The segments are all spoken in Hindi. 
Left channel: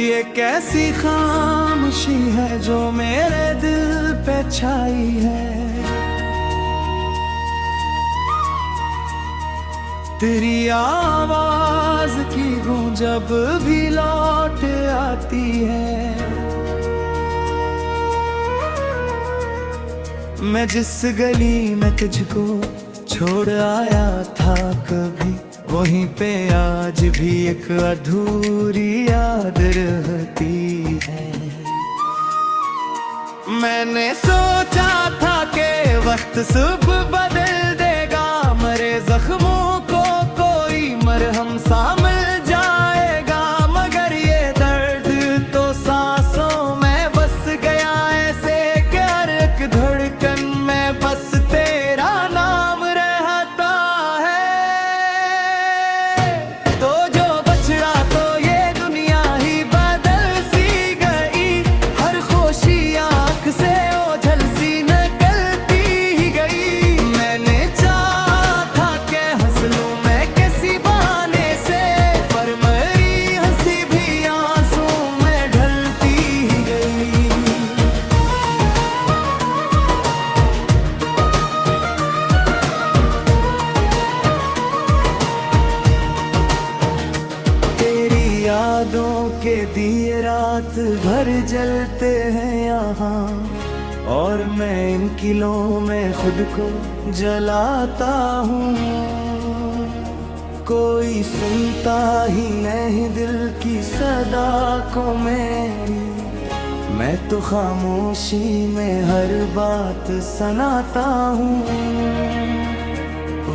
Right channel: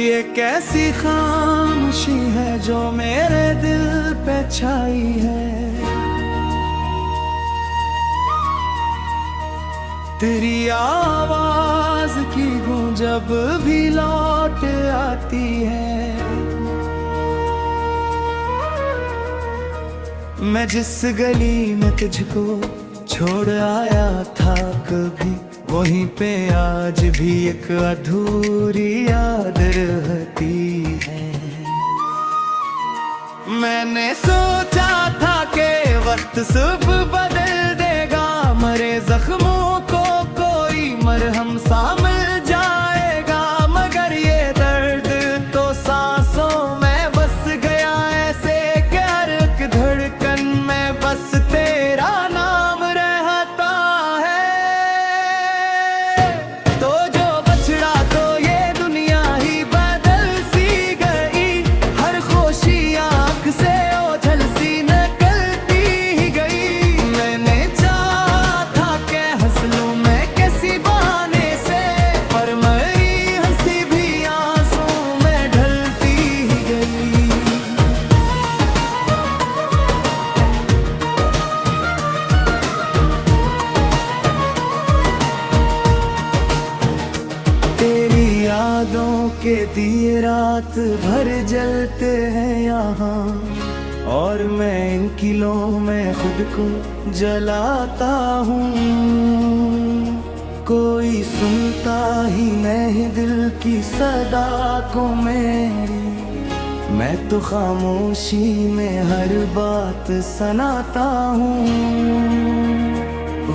ये कैसी खामोशी है जो मेरे दिल पे छाई है। तेरी आवाज की गूंज जब भी लौट आती है। मैं जिस गली में तुझको छोड़ आया था कभी, वहीं पे आज भी एक अधूरी याद रहती है। मैंने सोचा था कि वक्त सुबह बदल देगा, मरे जख्मों को कोई मरहम सा मिल जाएगा। मगर ये दर्द तो सांसों में बस गया ऐसे कि हर एक धड़कन में बस तेरा नाम रहता है। तो जो बछड़ा तो ये दुनिया ही बदल सी गई, हर खुशी आँख से ओझल सी निकलती ही गई। मैंने चाहा था कि हंस लूं मैं किसी बहाने से, पर मेरी हंसी भी आंसू में ढलती ही गई। तेरी यादों के दिए रात भर जलते हैं यहाँ, और मैं इन किलों में खुद को जलाता हूँ। कोई सुनता ही नहीं दिल की सदा को मेरी, मैं तो खामोशी में हर बात सुनाता हूँ।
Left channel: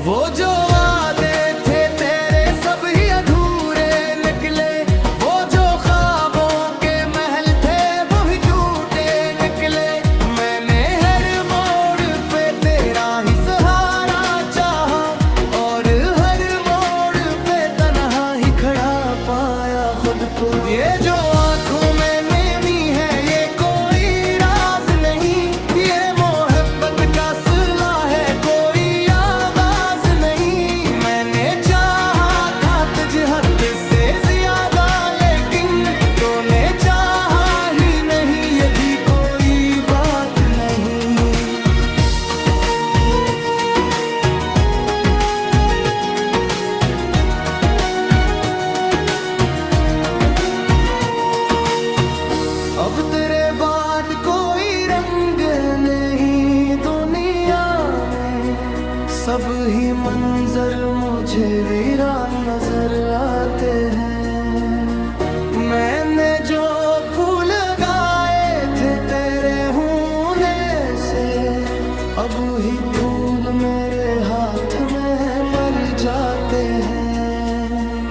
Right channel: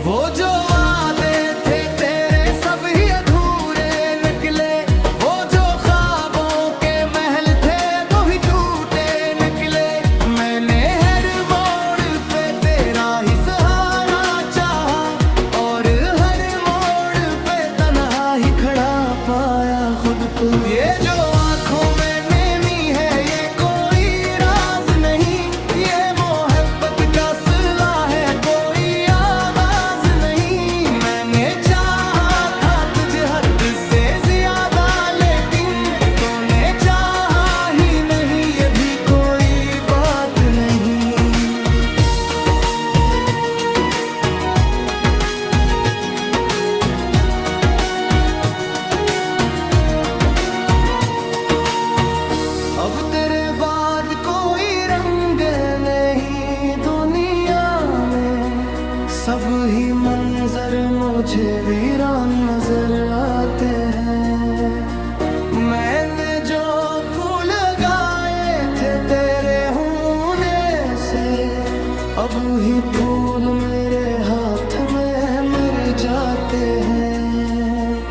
वो जो वादे थे तेरे सब ही अधूरे निकले, वो जो ख्वाबों के महल थे वो भी टूटे निकले। मैंने हर मोड़ पे तेरा ही सहारा चाहा, और हर मोड़ पे तन्हा ही खड़ा पाया खुद को। ये जो आंखों में नेमी है ये कोई राज नहीं, ये मोहब्बत का सिला है कोई आगाज नहीं। मैंने चाहा था तुझे हद से ज्यादा, लेकिन तूने चाहा ही नहीं, ये भी कोई बात नहीं। अब तेरे बाद कोई रंग नहीं दुनिया में, सब ही मंजर मुझे वीरान नजर आते हैं। मैंने जो फूल लगाए थे तेरे होने से, अब ही फूल मेरे हाथ में मर जाते हैं।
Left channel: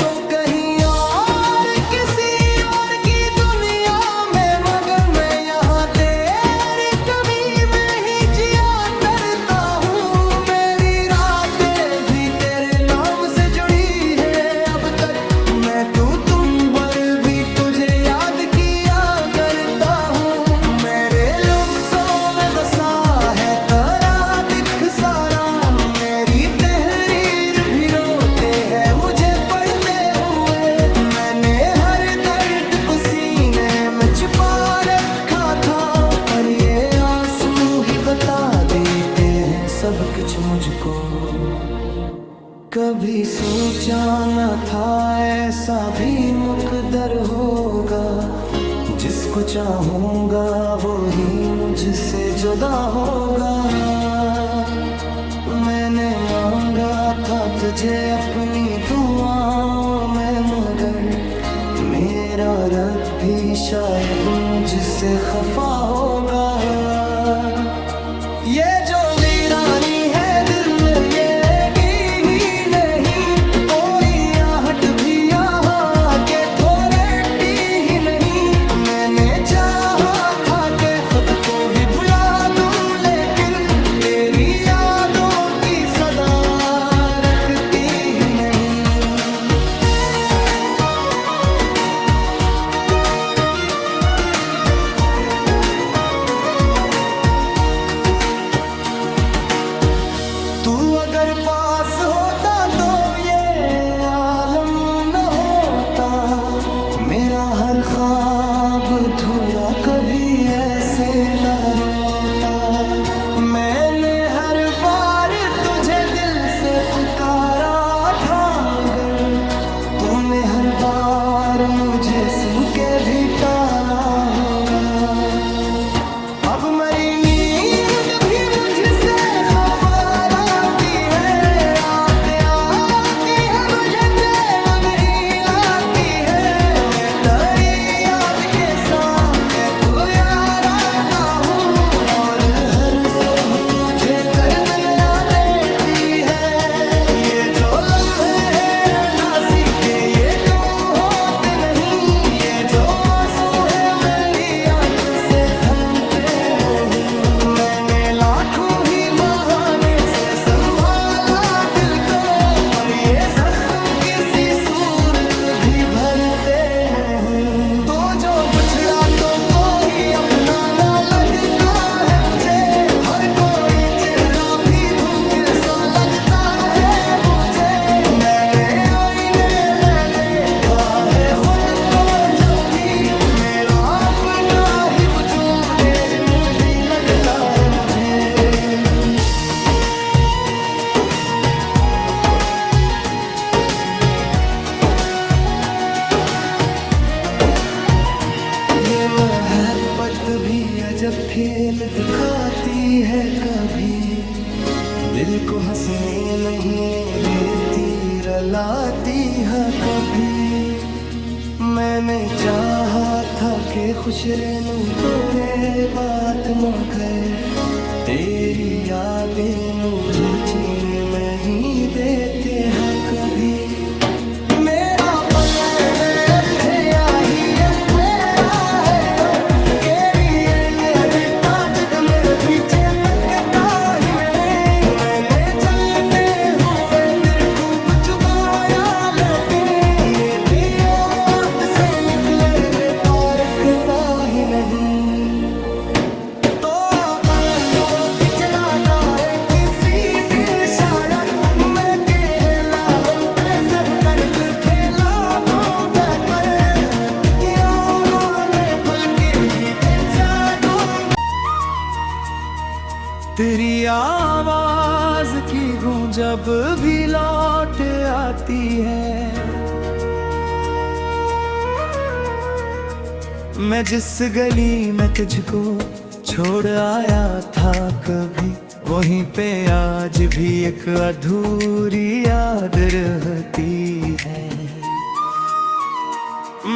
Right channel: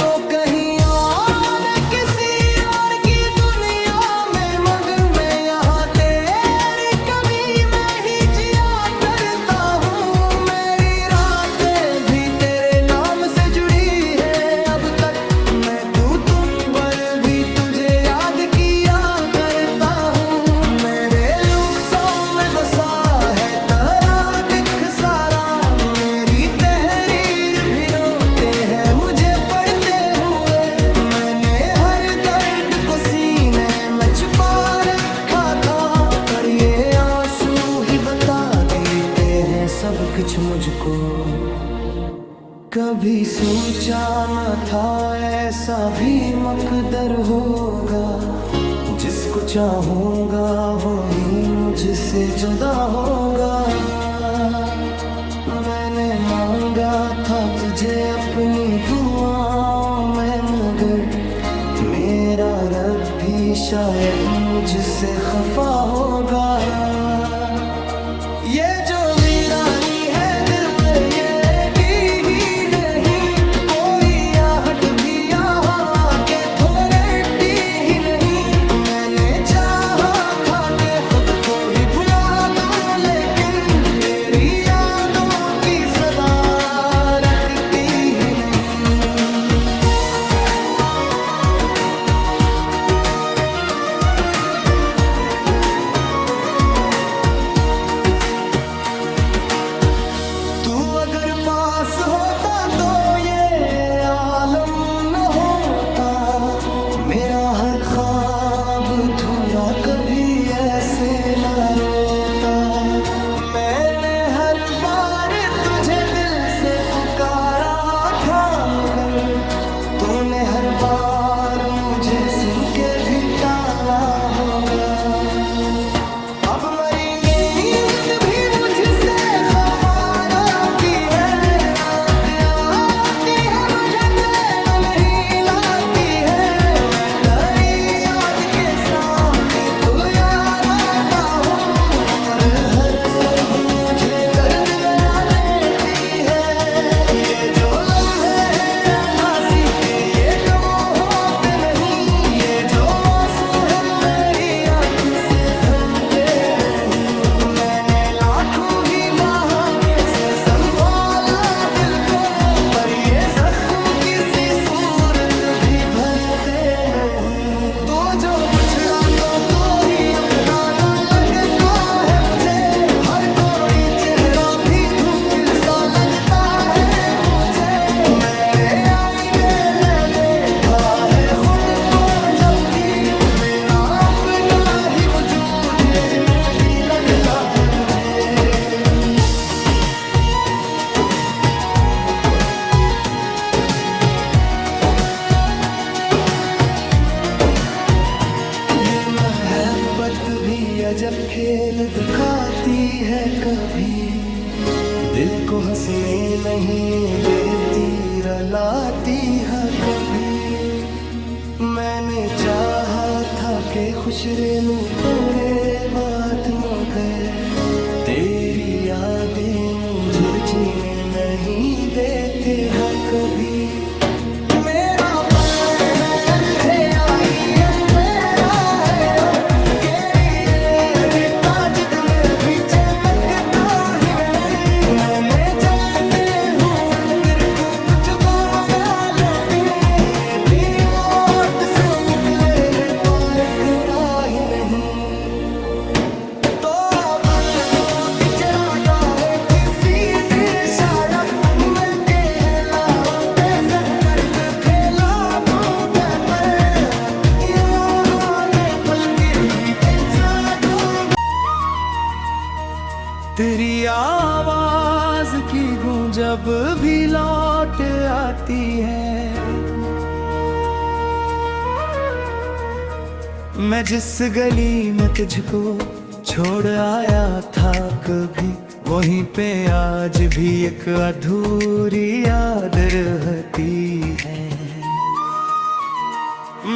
तो कहीं और किसी और की दुनिया में मगन में यहाँ तेरी कमी में ही जिया करता हूँ। मेरी रातें भी तेरे नाम से जुड़ी है अब तक, मैं तुम पर भी तुझे याद किया करता हूँ। मेरे लफ्ज़ों में बसा है तेरा दिख सारा, मेरी तहरीर भी रोते हैं मुझे पढ़ते हुए। मैंने हर दर्द को सीने में छुपा रखा था, पर ये आंसू ही बता देते हैं सब कुछ मुझको। कभी सोचा न था ऐसा भी मकदर होगा, जिसको चाहूंगा वो ही मुझसे जुदा होगा। मैंने मांगा था तुझे अपनी दुआओं में, मगर मेरा रब भी शायद मुझसे खफा होगा। ये जो वीरानी है दिल में ये ही नहीं, कोई आहट भी यहाँ के थोड़ती ही नहीं। मैंने चाहा था कि खुद को ही भुला दूं, लेकिन तेरी यादों की सदा रखती ही नहीं। ख्वाब अधूरा कभी ऐसे न रोता। मैंने हर बार तुझे दिल से पुकारा था, मगर तूने हर बार मुझे सुन के भी टाला होगा। अब मेरी नींद भी मुझसे खफार आती है, आते आती है मुझे चैन नहीं लाती है। मैं तेरी याद के साथ तू यार आता हूँ, और हर सुबह मुझे दर्द नया देती है। ये जो लम्हे हैं उदासी के ये कम होते नहीं, ये जो आंसू है मेरी आँख से थमते नहीं। मैंने लाखों ही बहाने से संभाला दिल को, पर ये जख्म किसी सूरत भी भरते नहीं। तो जो बिछड़ा तो कोई अपना ना लगता है मुझे, हर कोई चेहरा भी धूप सा लगता है मुझे। मैंने आईने में देखा है खुद को जब भी, मेरा अपना ही वजूद अजनबी लगता है मुझे। ये मोहब्बत भी अजब खेल दिखाती है, कभी दिल को हंसने नहीं देती, रुलाती है कभी। मैंने चाहा था कि खुश रहूं पूरे बात में गए, तेरी यादें मुझे जीने में ही देते हैं कभी। मेरा पलने में अंधे आही ही नहीं। तो लो पिछड़ा का है किसी दिन शायद, मैं कहला हम पे सब कर्ज फैला दूंगा, मैं फल के ही दूंगा। तेरी आवाज की गूंज जब भी लौट आती है, मैं जिस गली में तुझको छोड़ आया था कभी, वहीं पे आज भी एक अधूरी याद रहती है।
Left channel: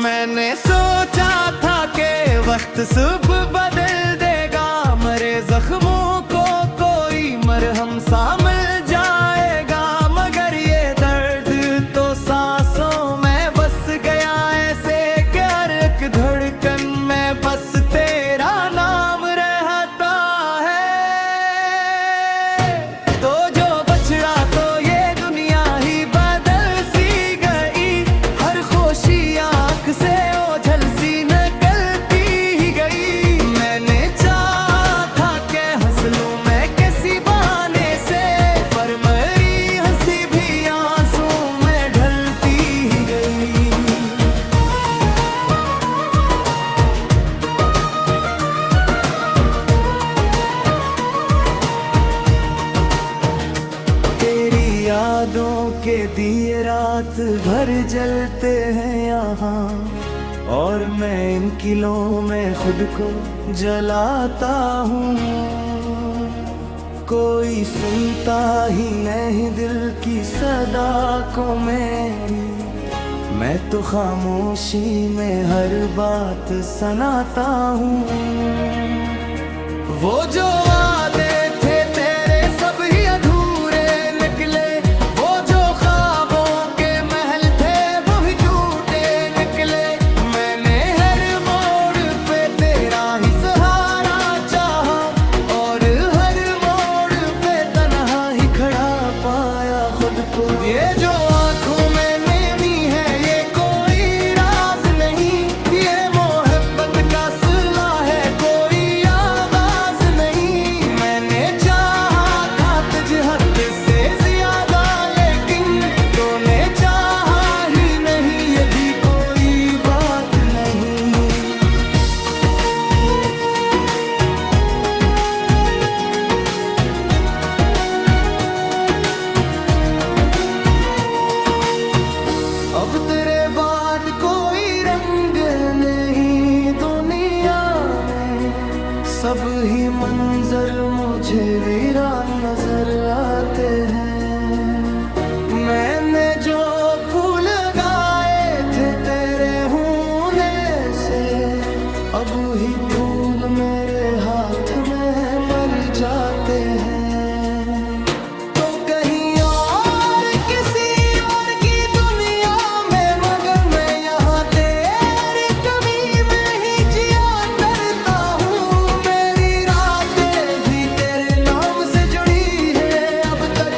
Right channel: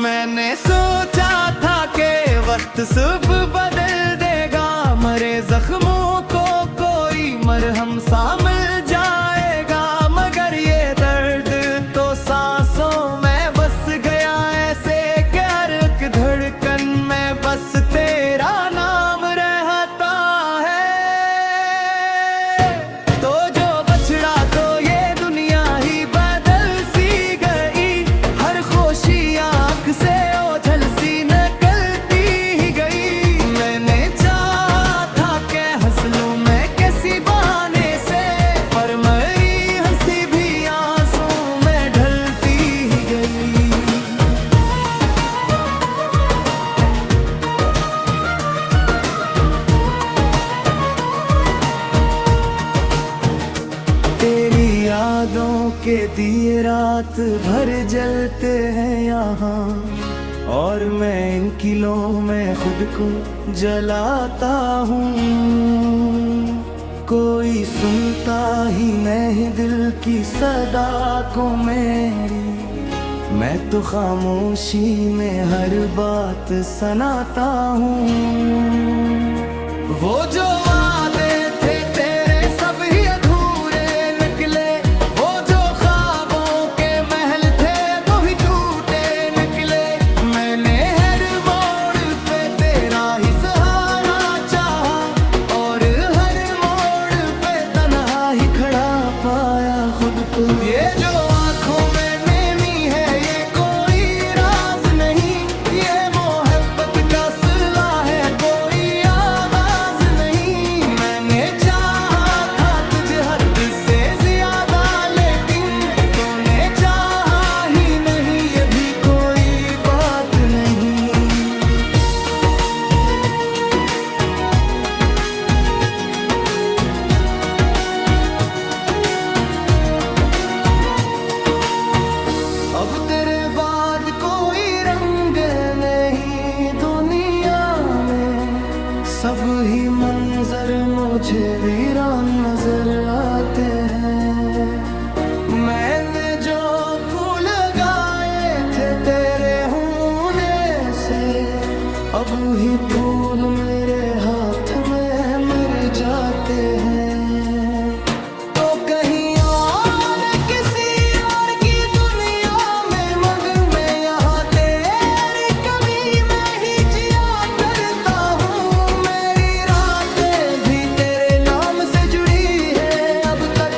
मैंने सोचा था कि वक्त सब बदल देगा, मरे जख्मों को कोई मरहम सा मिल जाएगा, मगर ये दर्द तो सांसों में बस गया ऐसे कि हर एक धड़कन में बस तेरा नाम रहता है। तो जो बछड़ा तो ये दुनिया ही बदल सी गई, हर खुशी आँख से ओझल सी निकलती ही गई। मैंने चाहा था कि हंस लूं मैं किसी बहाने से, पर मेरी हंसी भी आंसू में ढलती ही गई। तेरी यादों के दिए रात भर जलते हैं यहाँ, और मैं इन किलों में खुद को जलाता हूँ। कोई सुनता ही नहीं दिल की सदा को मेरी, मैं तो खामोशी में हर बात सुनाता हूँ। वो जो वादे थे तेरे सब ही अधूरे निकले, वो जो ख्वाबों के महल थे वो ही टूटे निकले। मैंने हर मोड़ पे तेरा ही सहारा चाहा, और हर मोड़ पे तन्हा ही खड़ा पाया खुद को। ये जो आँखों में नेमी है ये कोई राज नहीं, ये मोहब्बत का सिला है कोई आगाज नहीं। मैंने चाहा था तुझे हद से ज्यादा, लेकिन तूने चाहा ही नहीं, ये भी कोई बात नहीं। अब तेरे बाद कोई रंग नहीं दुनिया में, सब ही मंजर मुझे वीरान नजर आते हैं। मैंने जो फूल लगाए थे तेरे होने से, अब ही फूल मेरे हाथ में मर जाते हैं। तो कहीं और किसी और की दुनिया में मगन में, यहाँ तेरी कमी में ही जिया करता हूँ। मेरी रातें भी तेरे नाम से जुड़ी है अब तक,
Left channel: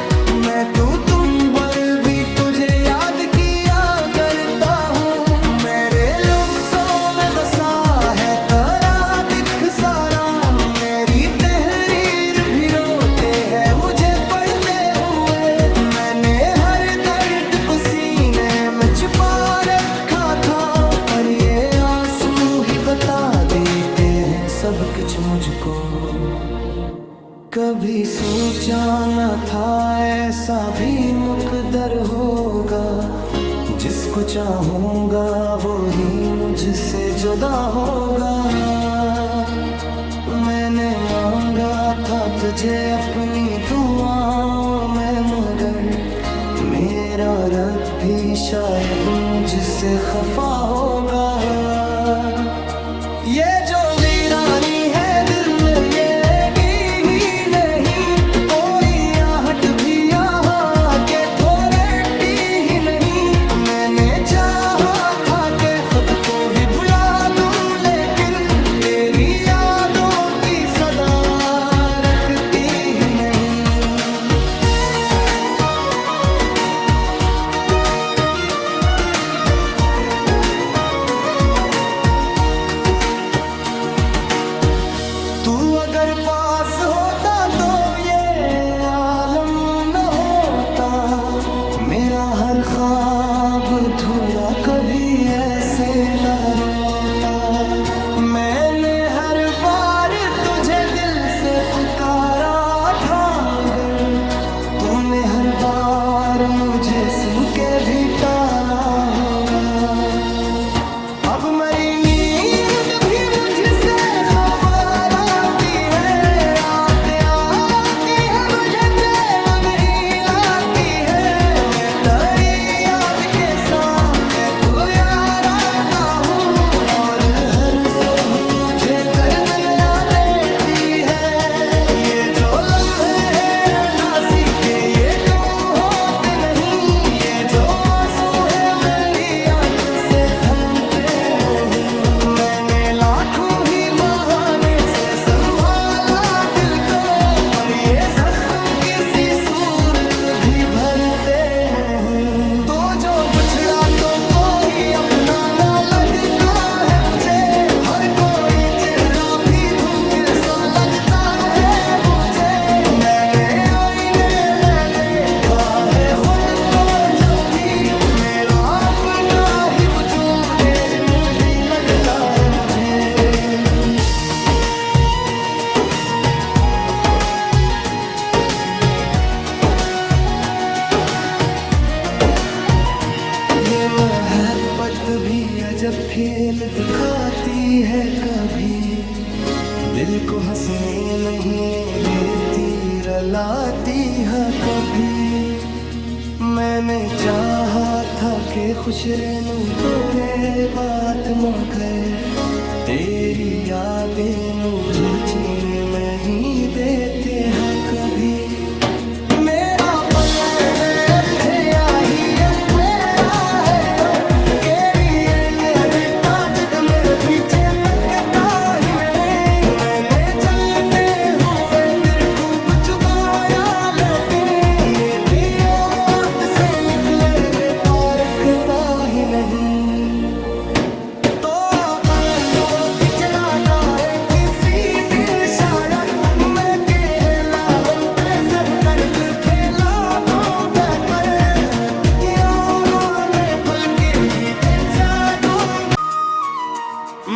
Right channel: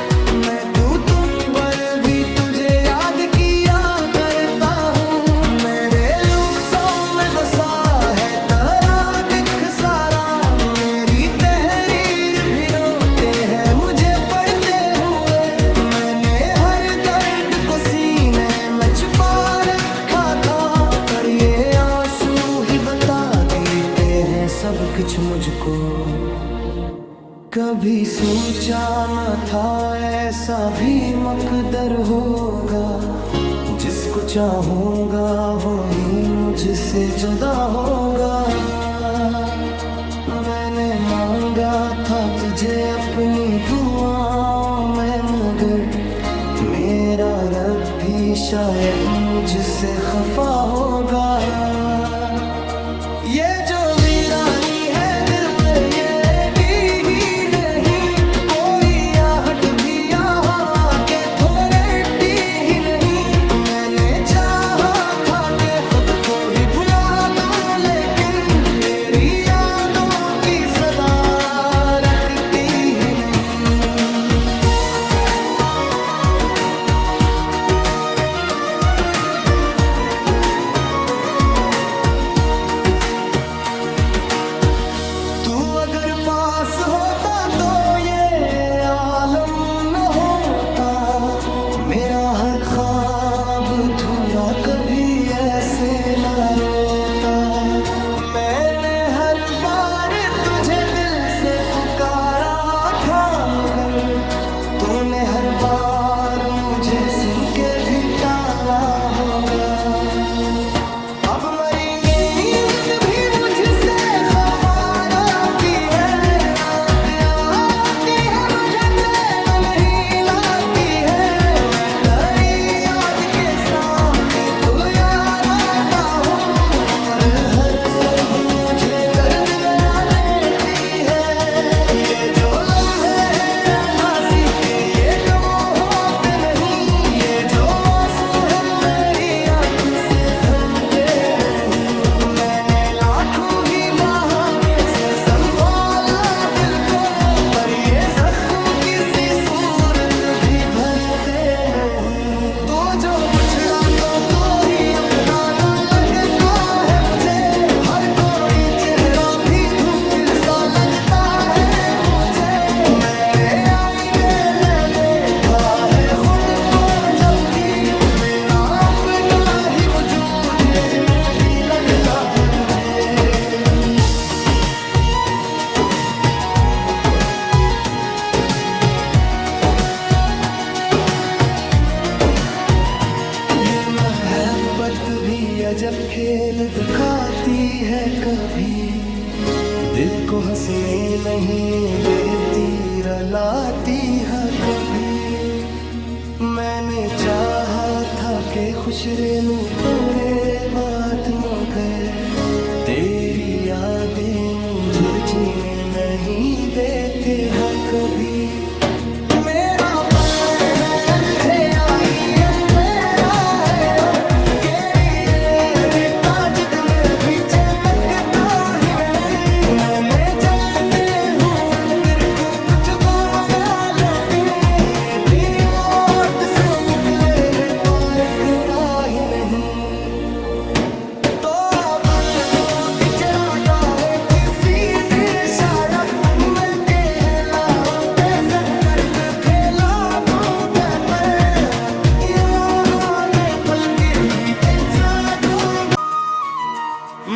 मैं तुम पर भी तुझे याद किया करता हूँ। मेरे लफ्ज़ों में बसा है तेरा दिख सारा, मेरी तहरीर भी रोते हैं मुझे पढ़ते हुए। मैंने हर दर्द को सीने में छुपा रखा था, पर ये आंसू ही बता देते हैं सब कुछ मुझको। कभी सोचा न था ऐसा भी मकदर होगा, जिसको चाहूंगा वो ही मुझसे जुदा होगा। मैंने मांगा था तुझे अपनी दुआओं में, मगर मेरा रब भी शायद मुझसे खफा होगा। ये जो वीरानी है दिल में ये ही नहीं, कोई आहट भी यहाँ के थोड़े ही नहीं। मैंने चाहा था कि खुद को ही भुला दूं, लेकिन तेरी यादों की सदा रखती ही नहीं। तू अगर पास होता तो ये आलम न होता, मेरा हर ख्वाब अधूरा कभी ऐसे न रोता। मैंने हर बार तुझे दिल से पुकारा था, मगर तूने हर बार मुझे सुन के भी टाला होगा। अब मेरी नींद भी मुझसे खफार आती है, रात आती है मुझे चैन नहीं लाती है। मैं तेरी याद के साथ तू यार आता हूँ, और हर सुबह मुझे दर्द नया देती है। ये जो लम्हे हैं उदासी के ये कम होते नहीं, ये जो आंसू है मेरी आंख से थमते नहीं। मैंने लाखों ही बहाने से संभाला दिल को, पर ये जख्म किसी सूरत भी भरते नहीं। तो जो बुछड़ा तो कोई अपना ना लगता है मुझे, हर कोई चेहरा भी धूप सा लगता है मुझे। मैंने आईने में देखा है खुद को जब भी, मेरा अपना ही वजूद अजनबी लगता है मुझे। ये मोहब्बत भी अजब खेल दिखाती है, कभी दिल को हंसने नहीं देती रलाती है कभी। मैंने चाहा था कि खुश रहूं पूरे बात मगर तेरी यादें मुझे जीने में ही देते हैं कभी। मेरा पलने में अंधे आही ही नहीं। तो पलनो पिछड़ा गाए किसी दिन शायद, मैं कहला हम पे सब कर खेला दूंगा, पर यहाँ मैं फल के ही इंसान दूंगा।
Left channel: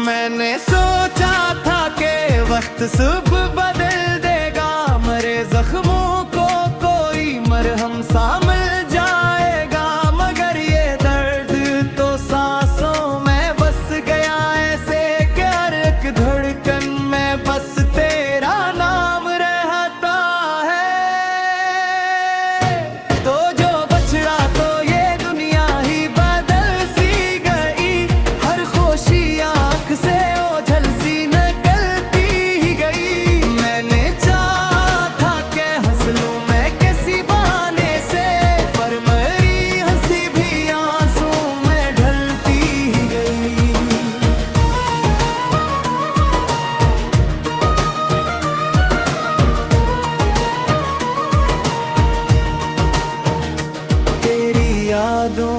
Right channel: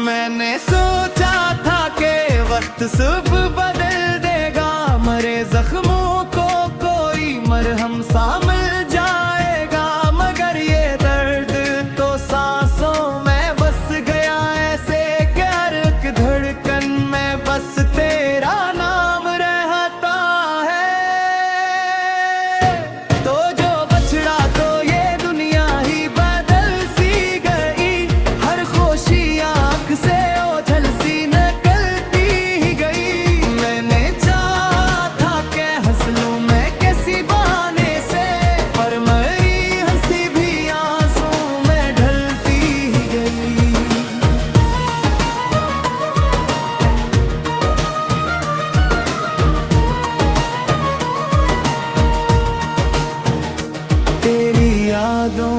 मैंने सोचा था कि वक्त सुबह बदल देगा, मरे जख्मों को कोई मरहम सा मिल जाएगा, मगर ये दर्द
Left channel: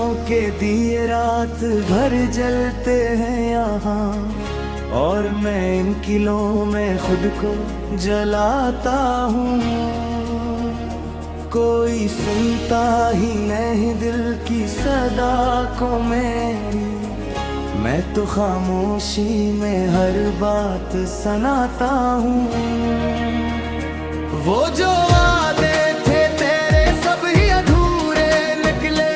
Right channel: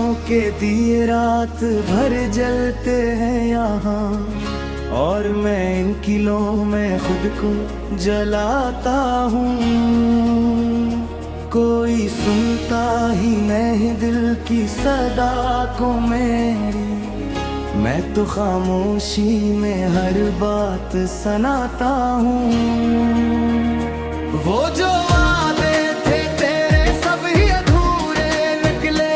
खुशियों के दिए रात भर जलते हैं यहाँ, और मैं इन किलों में खुद को जलाता हूँ। कोई सुनता ही नहीं दिल की सदा को मेरी, मैं तो खामोशी में हर बात सुनाता हूँ। वो जो वादे थे तेरे सब ही अधूरे निकले,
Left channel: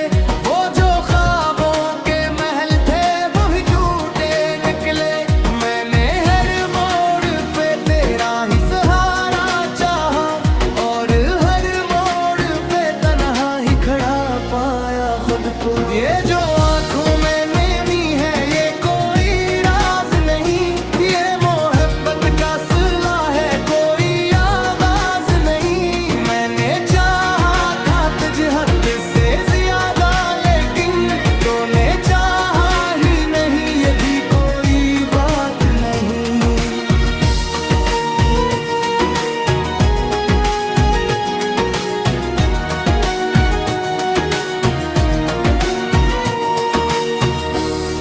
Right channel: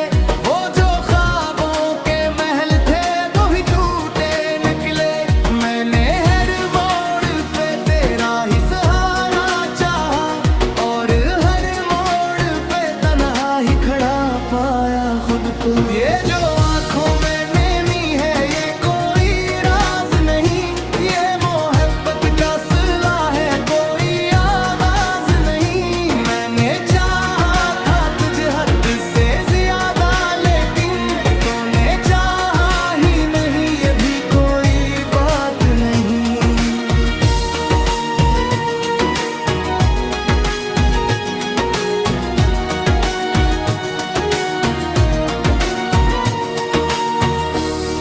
वो जो ख्वाबों के महल थे वो ही टूटे निकले। मैंने हर मोड़ पे तेरा ही सहारा चाहा, और हर मोड़ पे तन्हा ही खड़ा पाया खुद को। ये जो आँखों में नेमी है ये कोई राज नहीं, ये मोहब्बत का सिला है कोई आगाज नहीं। मैंने चाहा था तुझे हद से ज्यादा, लेकिन तूने चाहा ही नहीं, ये भी कोई बात नहीं।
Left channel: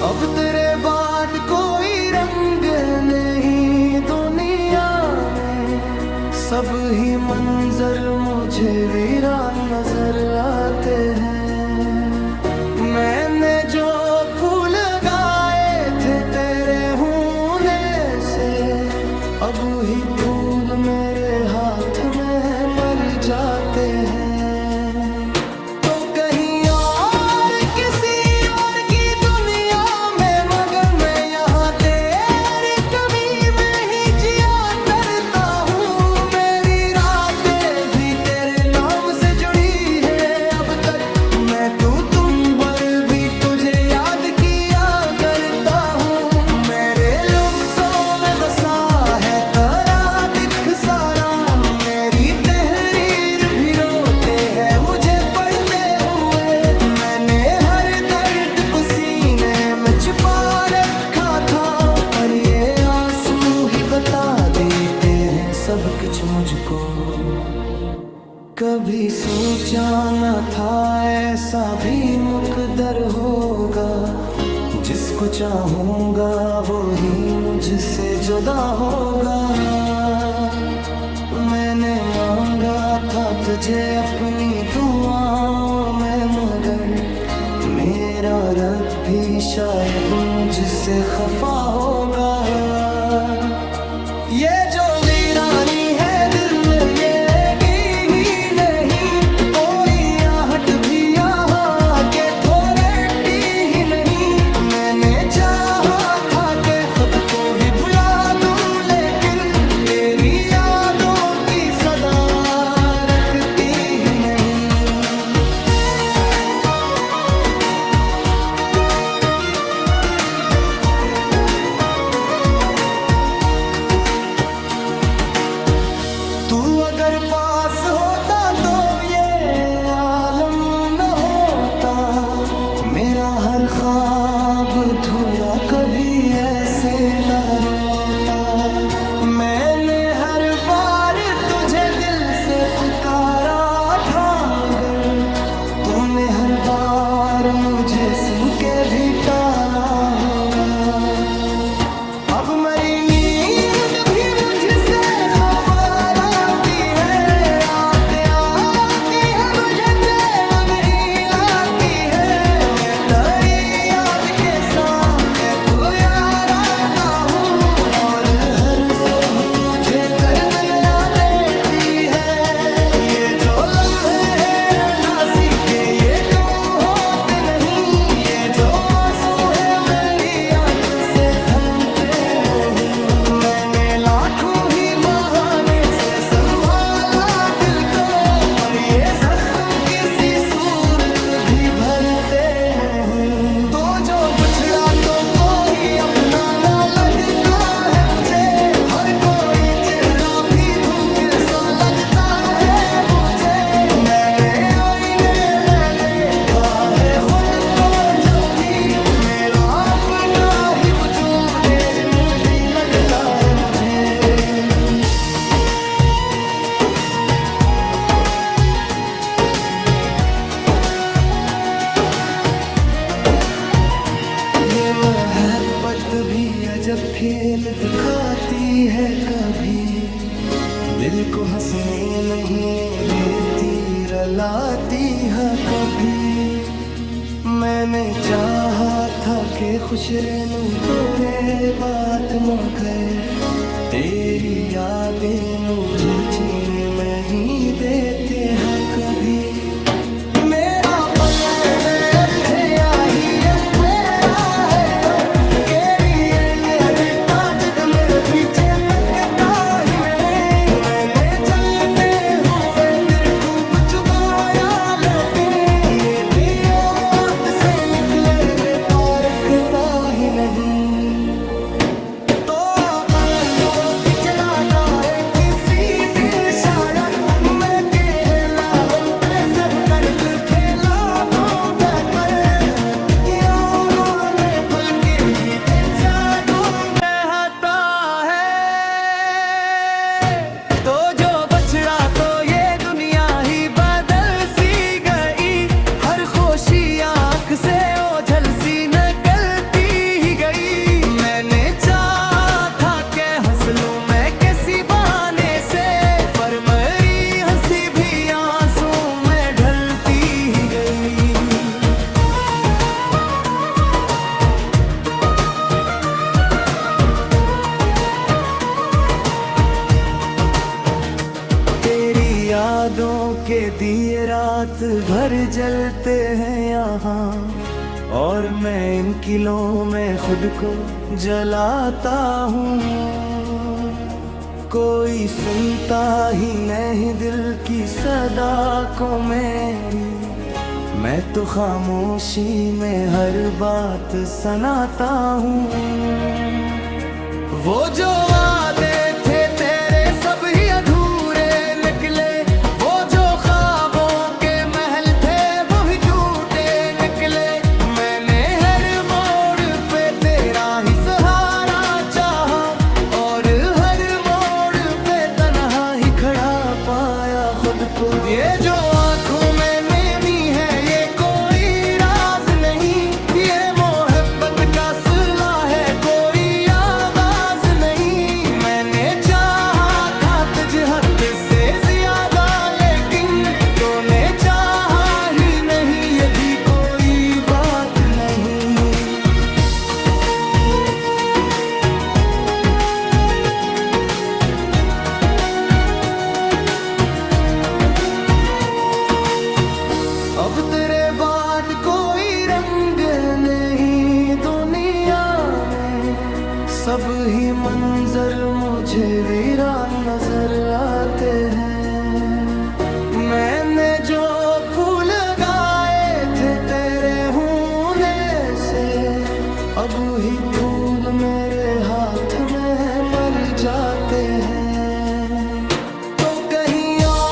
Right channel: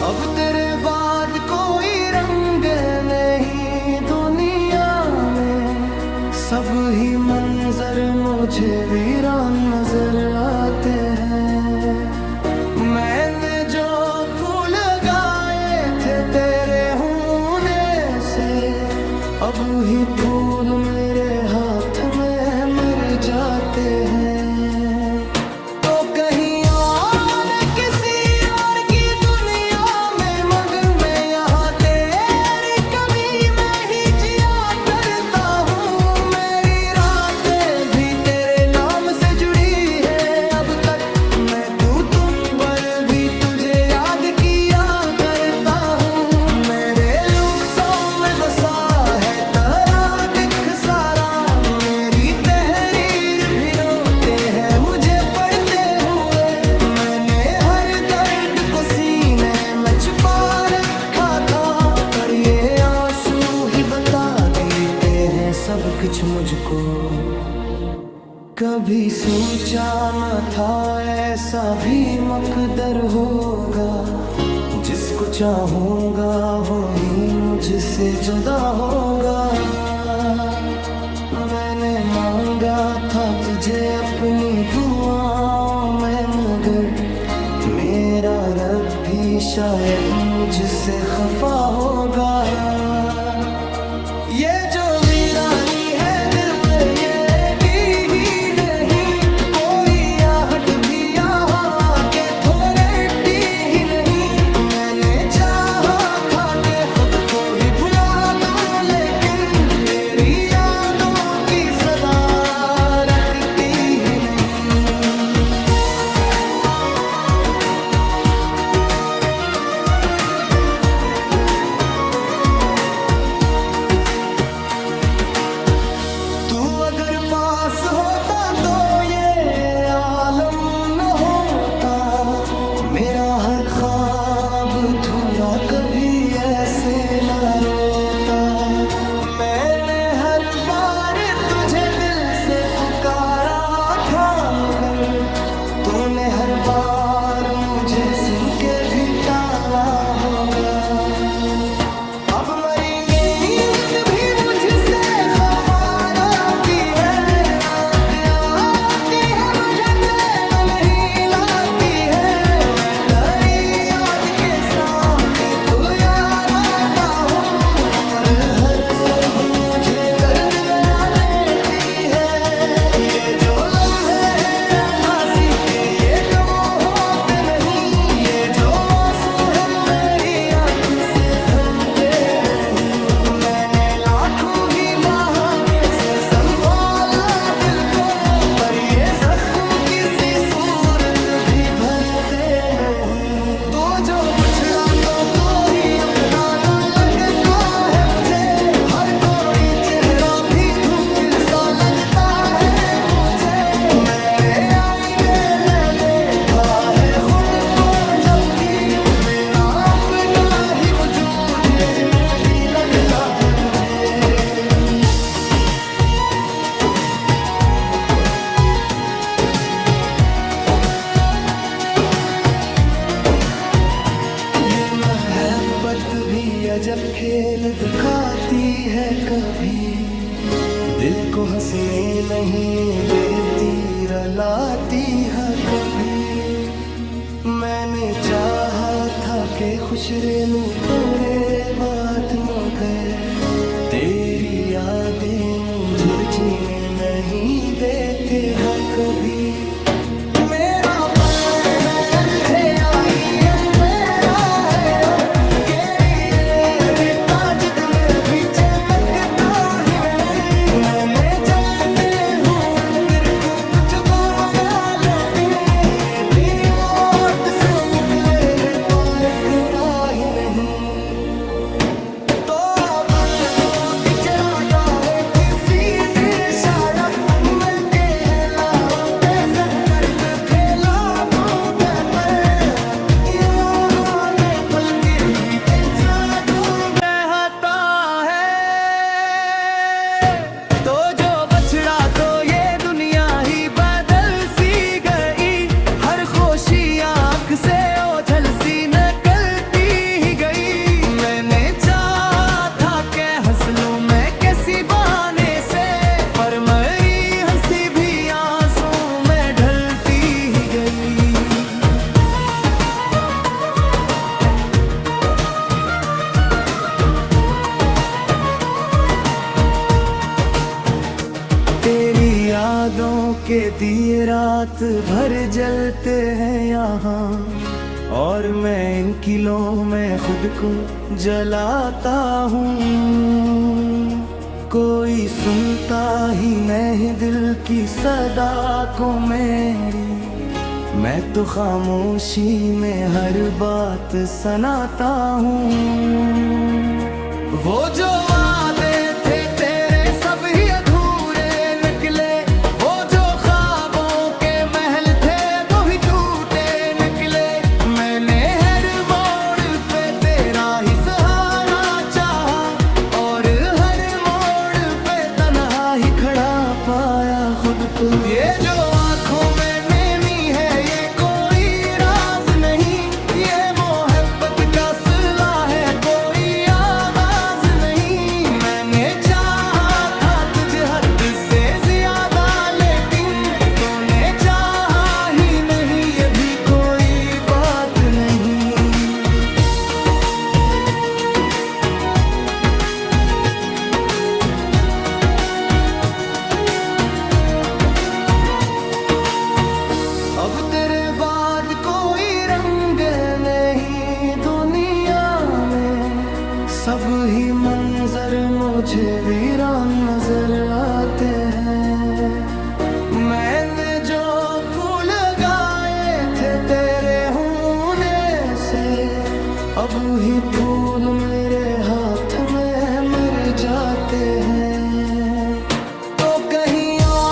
अब तेरे बाद कोई रंग नहीं दुनिया में, सब ही मंजर मुझे वीरान नजर आते हैं। मैंने जो फूल लगाए थे तेरे होने से, अब ही फूल मेरे हाथ में मर जाते हैं। तो कहीं और किसी और की दुनिया में मगन, मैं यहाँ तेरी कमी में ही जिया करता हूँ। मेरी रातें भी तेरे नाम से जुड़ी है अब तक, मैं तुम पर भी तुझे याद किया करता हूँ। मेरे लफ्ज़ों में बसा है तेरा दिख सारा, मेरी तहरीर भी रोते हैं मुझे पढ़ते हुए। मैंने हर दर्द को सीने में छुपा रखा था, पर ये आंसू ही बता देते हैं सब कुछ मुझको। कभी सोचा न था ऐसा भी मकदर होगा, जिसको चाहूंगा वो ही मुझसे जुदा होगा। मैंने मांगा था तुझे अपनी दुआओं में, मगर मेरा रब भी शायद मुझसे खफा होगा। ये जो वीरानी है दिल में ये ही नहीं, कोई आहट भी यहाँ के थोड़ती ही नहीं। मैंने चाहा था कि खुद को ही भुला दूं, लेकिन तेरी यादों की सदा रखती ही नहीं। तू अगर पास होता तो ये आलम न होता, मेरा हर ख्वाब अधूरा कभी ऐसे न रोता। मैंने हर बार तुझे दिल से पुकारा था, मगर तूने हर बार मुझे सुन के भी टाला होगा। अब मेरी नींद भी मुझसे खफार आती है, आती है मुझे चैन नहीं लाती है। मैं तेरी याद के साथ तू यार आता हूँ, और हर सुबह मुझे दर्द नया देती है। ये जो लम्हे हैं उदासी के ये कम होते नहीं, ये जो आंसू है मेरी आंख से थमते नहीं। मैंने लाखों ही बहाने से संभाला दिल को, पर ये जख्म किसी सूरत भी भरते नहीं। तो जो बुछड़ा तो कोई अपना ना लगता है मुझे, हर कोई चेहरा भी धूप सा लगता है मुझे। मैंने आईने में देखा है खुद को जब भी, मेरा अपना ही वजूद अजनबी लगता है मुझे। ये मोहब्बत भी अजब खेल दिखाती है, कभी दिल को हंसने नहीं देती, रुलाती है कभी। मैंने चाहा था कि खुश रहूं पूरे बात में गए, तेरी यादें मुझे जीने में ही देते हैं कभी। मेरा पलने में अंधे आही अंधेरा है, केरी ये अदिता जिद में भी लगता ही नहीं। मैंने जलते हुए दिल खूब चुकाया, लेकिन ये भी ओट से निकले है पारखता ही नहीं। तो शायद मैं कहला पे सब कर्द फैला दूंगा, में फल के भी दूंगा हता है। तो जो बछड़ा तो ये दुनिया ही बदल सी गई, हर खुशी आँख से ओझल सी निकलती ही गई। मैंने चाहा था कि हंस लूं मैं किसी बहाने से, पर मेरी हंसी भी आंसू में ढलती ही गई। तेरी यादों के दिए रात भर जलते हैं यहाँ, और मैं इन किलों में खुद को जलाता हूँ। कोई सुनता ही नहीं दिल की सदा को मेरी, मैं तो खामोशी में हर बात सुनाता हूँ। वो जो वादे थे तेरे सब ही अधूरे निकले, वो जो ख्वाबों के महल थे वो ही टूटे निकले। मैंने हर मोड़ पे तेरा ही सहारा चाहा, और खड़ा पाया खुद को। ये जो आंखों में नेमी है ये कोई राज नहीं, ये मोहब्बत का सिला है कोई आगाज नहीं। मैंने चाहा था तुझे हद से ज्यादा, लेकिन तूने चाहा ही नहीं, ये भी कोई बात नहीं। अब तेरे बाद कोई रंग नहीं दुनिया में, सब ही मंजर मुझे वीरान नजर आते हैं। मैंने जो फूल गाए थे तेरे होने से, अब ही फूल मेरे हाथ में मर जाते हैं। तो कहीं और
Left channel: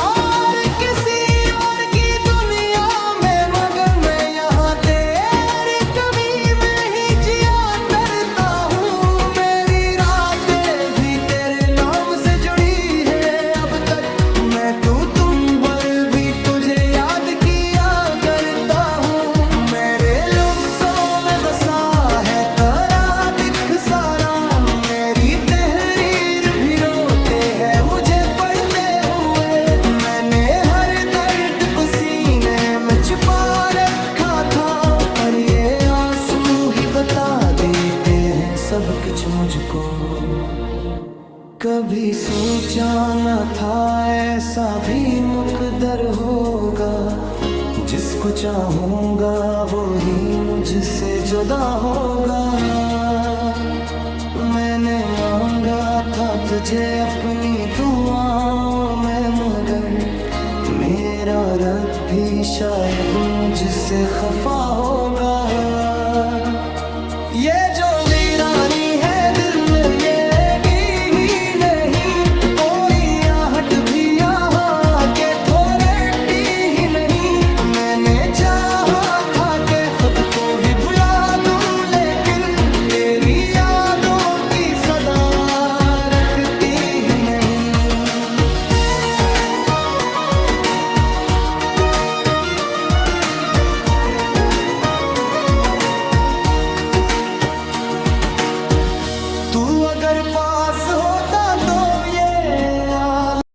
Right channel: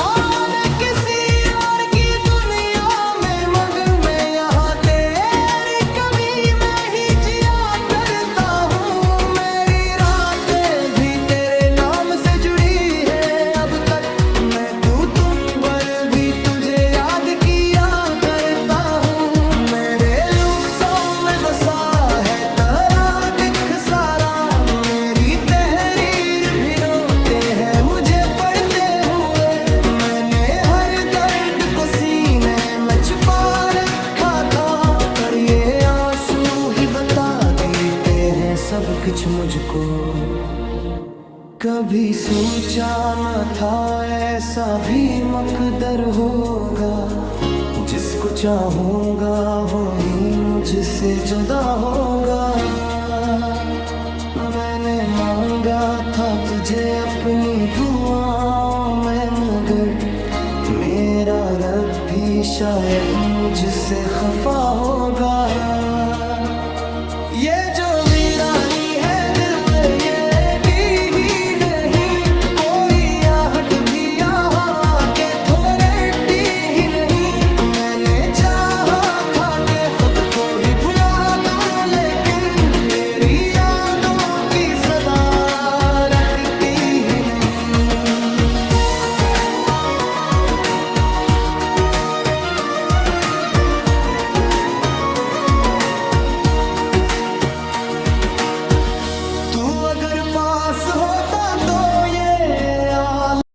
मैं तुम पर भी तुझे याद किया करता हूँ। मेरे लफ्ज़ों में बसा है तेरा दिख सारा, मेरी तहरीर भी रोते हैं मुझे पढ़ते हुए। मैंने हर दर्द को सीने में छुपा रखा था, पर ये आंसू ही बता देते हैं सब कुछ मुझको। कभी सोचा न था ऐसा भी मकदर होगा, जिसको चाहूंगा वो ही मुझसे जुदा होगा। मैंने मांगा था तुझे अपनी दुआओं में, मगर मेरा रब भी शायद मुझसे खफा होगा। ये जो वीरानी है दिल में ये भी यहाँ के थोड़ी ही नहीं। मैंने चाहा था कि खुद को ही भुला दूं, लेकिन तेरी यादों की सदा रखती ही नहीं। अगर पास होता तो ये